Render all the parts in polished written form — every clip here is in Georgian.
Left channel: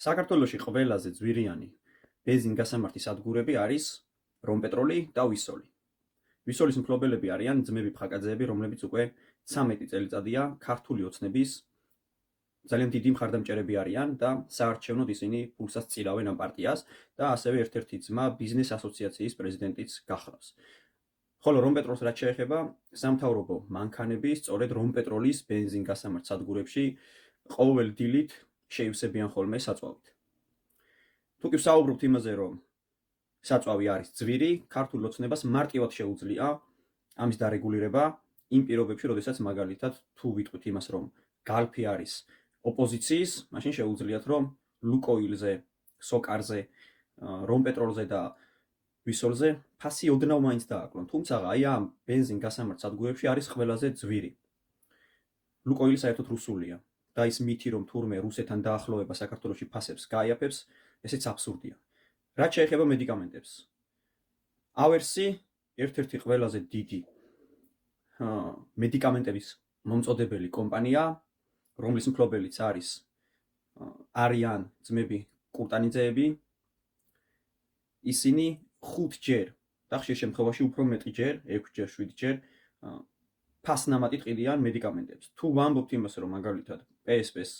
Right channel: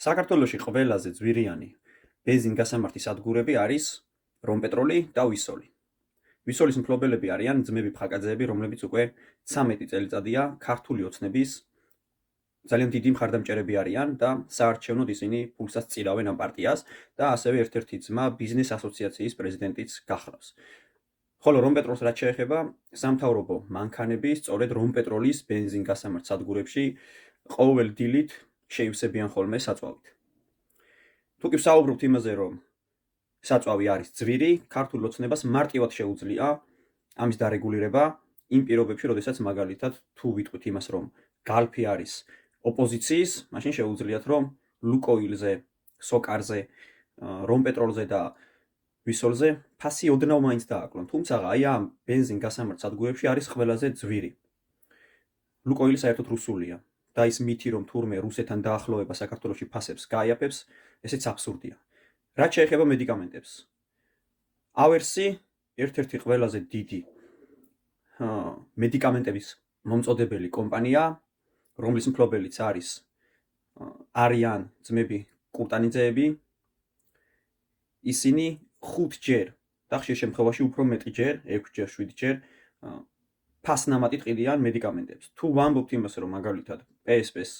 საქართველოში ყველაზე ძვირიანი ბენზინ-გასამართი სადგურები არის რომპეტროლი და ვისოლი. ვისოლის მფლობელები არიან ძმები ფხაკაძეები, რომლებიც უკვე 13 წელიწადია ქართული ოცნების ძალიან დიდი მხარდამჭერები არიან და საარჩევნოდ ისინი ფულსაც წილავენ ამ პარტიას და ასევე ერთ-ერთი ძმა ბიზნეს ასოციაციის პრეზიდენტიც გახლავს. ხოლო რომპეტროლს რაც შეეხება, სამთავრობო მანქანები სწორედ რომპეტროლის ბენზინ-გასამართ სადგურებში ყოველ დილით შეივსებიან ხოლმე საწვავით. თუ კი ვსაუბრობთ იმაზე, რომ საწვავი არის ძვირი, ქართულ ოცნებას მარტივად შეუძლია ამის დარეგულირება იმ პირობებში, როდესაც მაგალითად თუ ვიტყვით იმას, რომ გალფი არის ოპოზიციის, მაშინ შეუძლიათ, რომ ლუკოილზე, სოკარზე, რომპეტროლზე და ვისოლზე ფასი ოდნავ მაინც დააკლონ. თუმცა აი ამ ბენზინ-გასამართ სადგურებში არის ყველაზე ძვირი. ლუკოილი საერთოდ რუსულია და ის მითი, რომ თურმე რუსეთთან დაახლოება საქართველოში ფასებს გაიაფებს, ესეც აბსურდია. რაც შეეხება მედიკამენტებს, ავერსი ერთ-ერთი ყველაზე დიდი მედიკამენტების მომწოდებელი კომპანია, რომლის მფლობელიც არიან ძმები კურტანიძეები, ისინი 5ჯერ და ხშირ შემთხვევაში უფრო მეტჯერ, 6ჯერ, 7ჯერ ფასნამატით ყიდიან მედიკამენტებს. თუ ვამბობთ იმას, რომ მაგალითად PSP-ს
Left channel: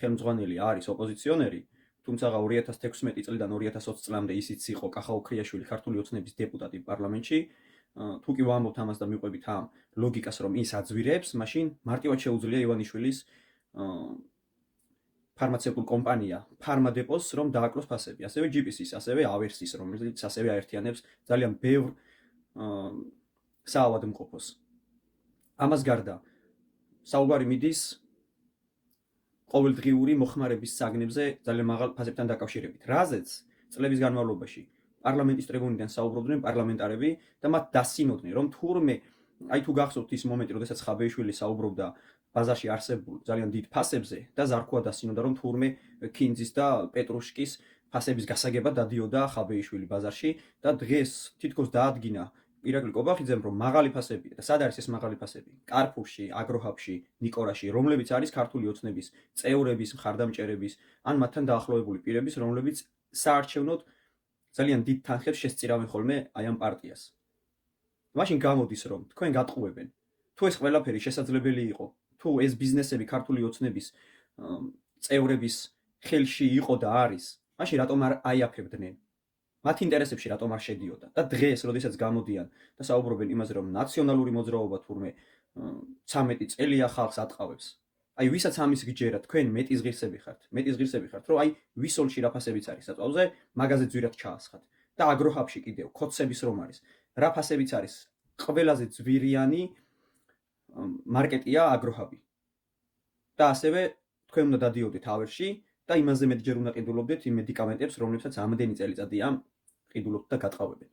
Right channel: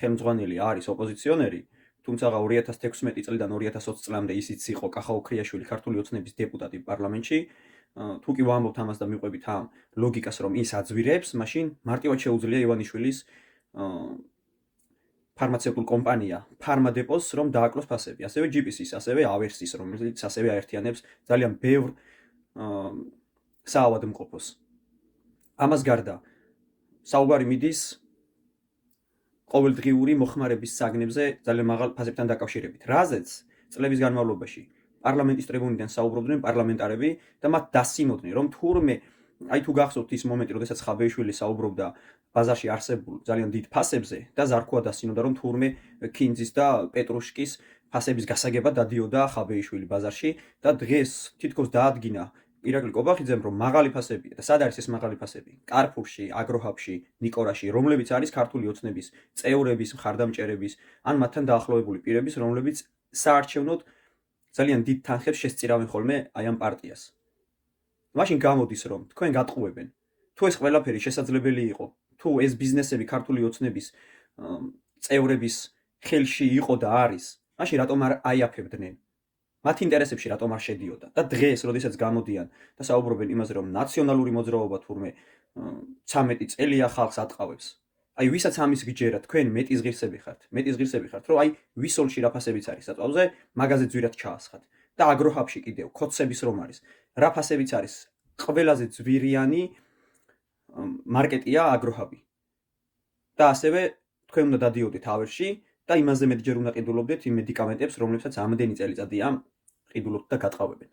ხელმძღვანელი არის ოპოზიციონერი, თუმცა 2016 წლიდან 2020 წლამდე ისიც იყო კახა უქრიაშვილი ქართული ოცნების დეპუტატი პარლამენტში, თუ კი ვამბობთ ამას და მივყვებით ამ ლოგიკას, რომ ის აძვირებს, მაშინ მარტივად შეუძლია ივანიშვილის ფარმაცევტულ კომპანია ფარმადეპოს რომ დააკლოს ფასები, ასევე GPC-ს, ასევე ავერსის, რომელიც ასევე აერთიანებს ძალიან ბევრ საავადმყოფოს. ამას გარდა საუბარი მიდის ყოველდღიური მოხმარების საგნებზე ძალიან მაღალ ფასებთან დაკავშირებით, რაზეც წლების განმავლობაში პარლამენტის ტრიბუნიდან საუბრობდნენ პარლამენტარები და მათ დასინოდნენ, რომ თურმე აი თუ გახსოვთ ის მომენტი, როდესაც ხაბეიშვილი საუბრობდა ბაზარში არსებულ ძალიან დიდ ფასებზე და ზარქოა დასინოდა, რომ თურმე ქინძის და პეტრუშკის ფასების გასაგებად დადიოდა ხაბეიშვილი ბაზარში და დღეს თითქოს დაადგინა ირაკლი კობახიძემ, რომ მაღალი ფასებია და სად არის ეს მაღალი ფასები? კარფურში, აგროჰაბში, ნიკორაში, რომლებიც არის ქართული ოცნების წევრების, მხარდამჭერების, ან მათთან დაახლოებული პირების, რომლებიც საარჩევნოდ ძალიან დიდ თანხებს შესწირავენ ხოლმე აი ამ პარტიას. მაშინ გამოდის, რომ თქვენ გატყუებენ. თუ ეს ყველაფერი შესაძლებელი იყო, თუ ეს ბიზნესები ქართული ოცნების წევრების ხელში იყო და არის, მაშინ რატომ არ აიაფებდნენ? მათ ინტერესებში რატომ არ შედიოდა? და დღეს, როდესაც გამოდიან და საუბრობენ იმაზე, რომ ნაციონალური მოძრაობა თურმე 13 წელია ხალხს ატყავებს. აი ვისაც ამის გიჯერა, თქვენ მეტის ღირსები ხართ, რომ აი ვისოლში რა ფასებიც არის საწვავზე, მაგაზე ძვირად ჩაასხათ. და აგროჰაბში კიდევ კოცების რომ არის, რა ფასებიც არის, ყველაზე ძვირიანი მარკეტია აგროჰაბი. და ასევე თქვენ უნდა დადიოდეთ ავერში და იმაზე მეტჯერ უნდა ყიდულობდეთ იმ მედიკამენტებს, რომლებსაც ამდენი წელიწადია ყიდულობთ და გატყავებენ.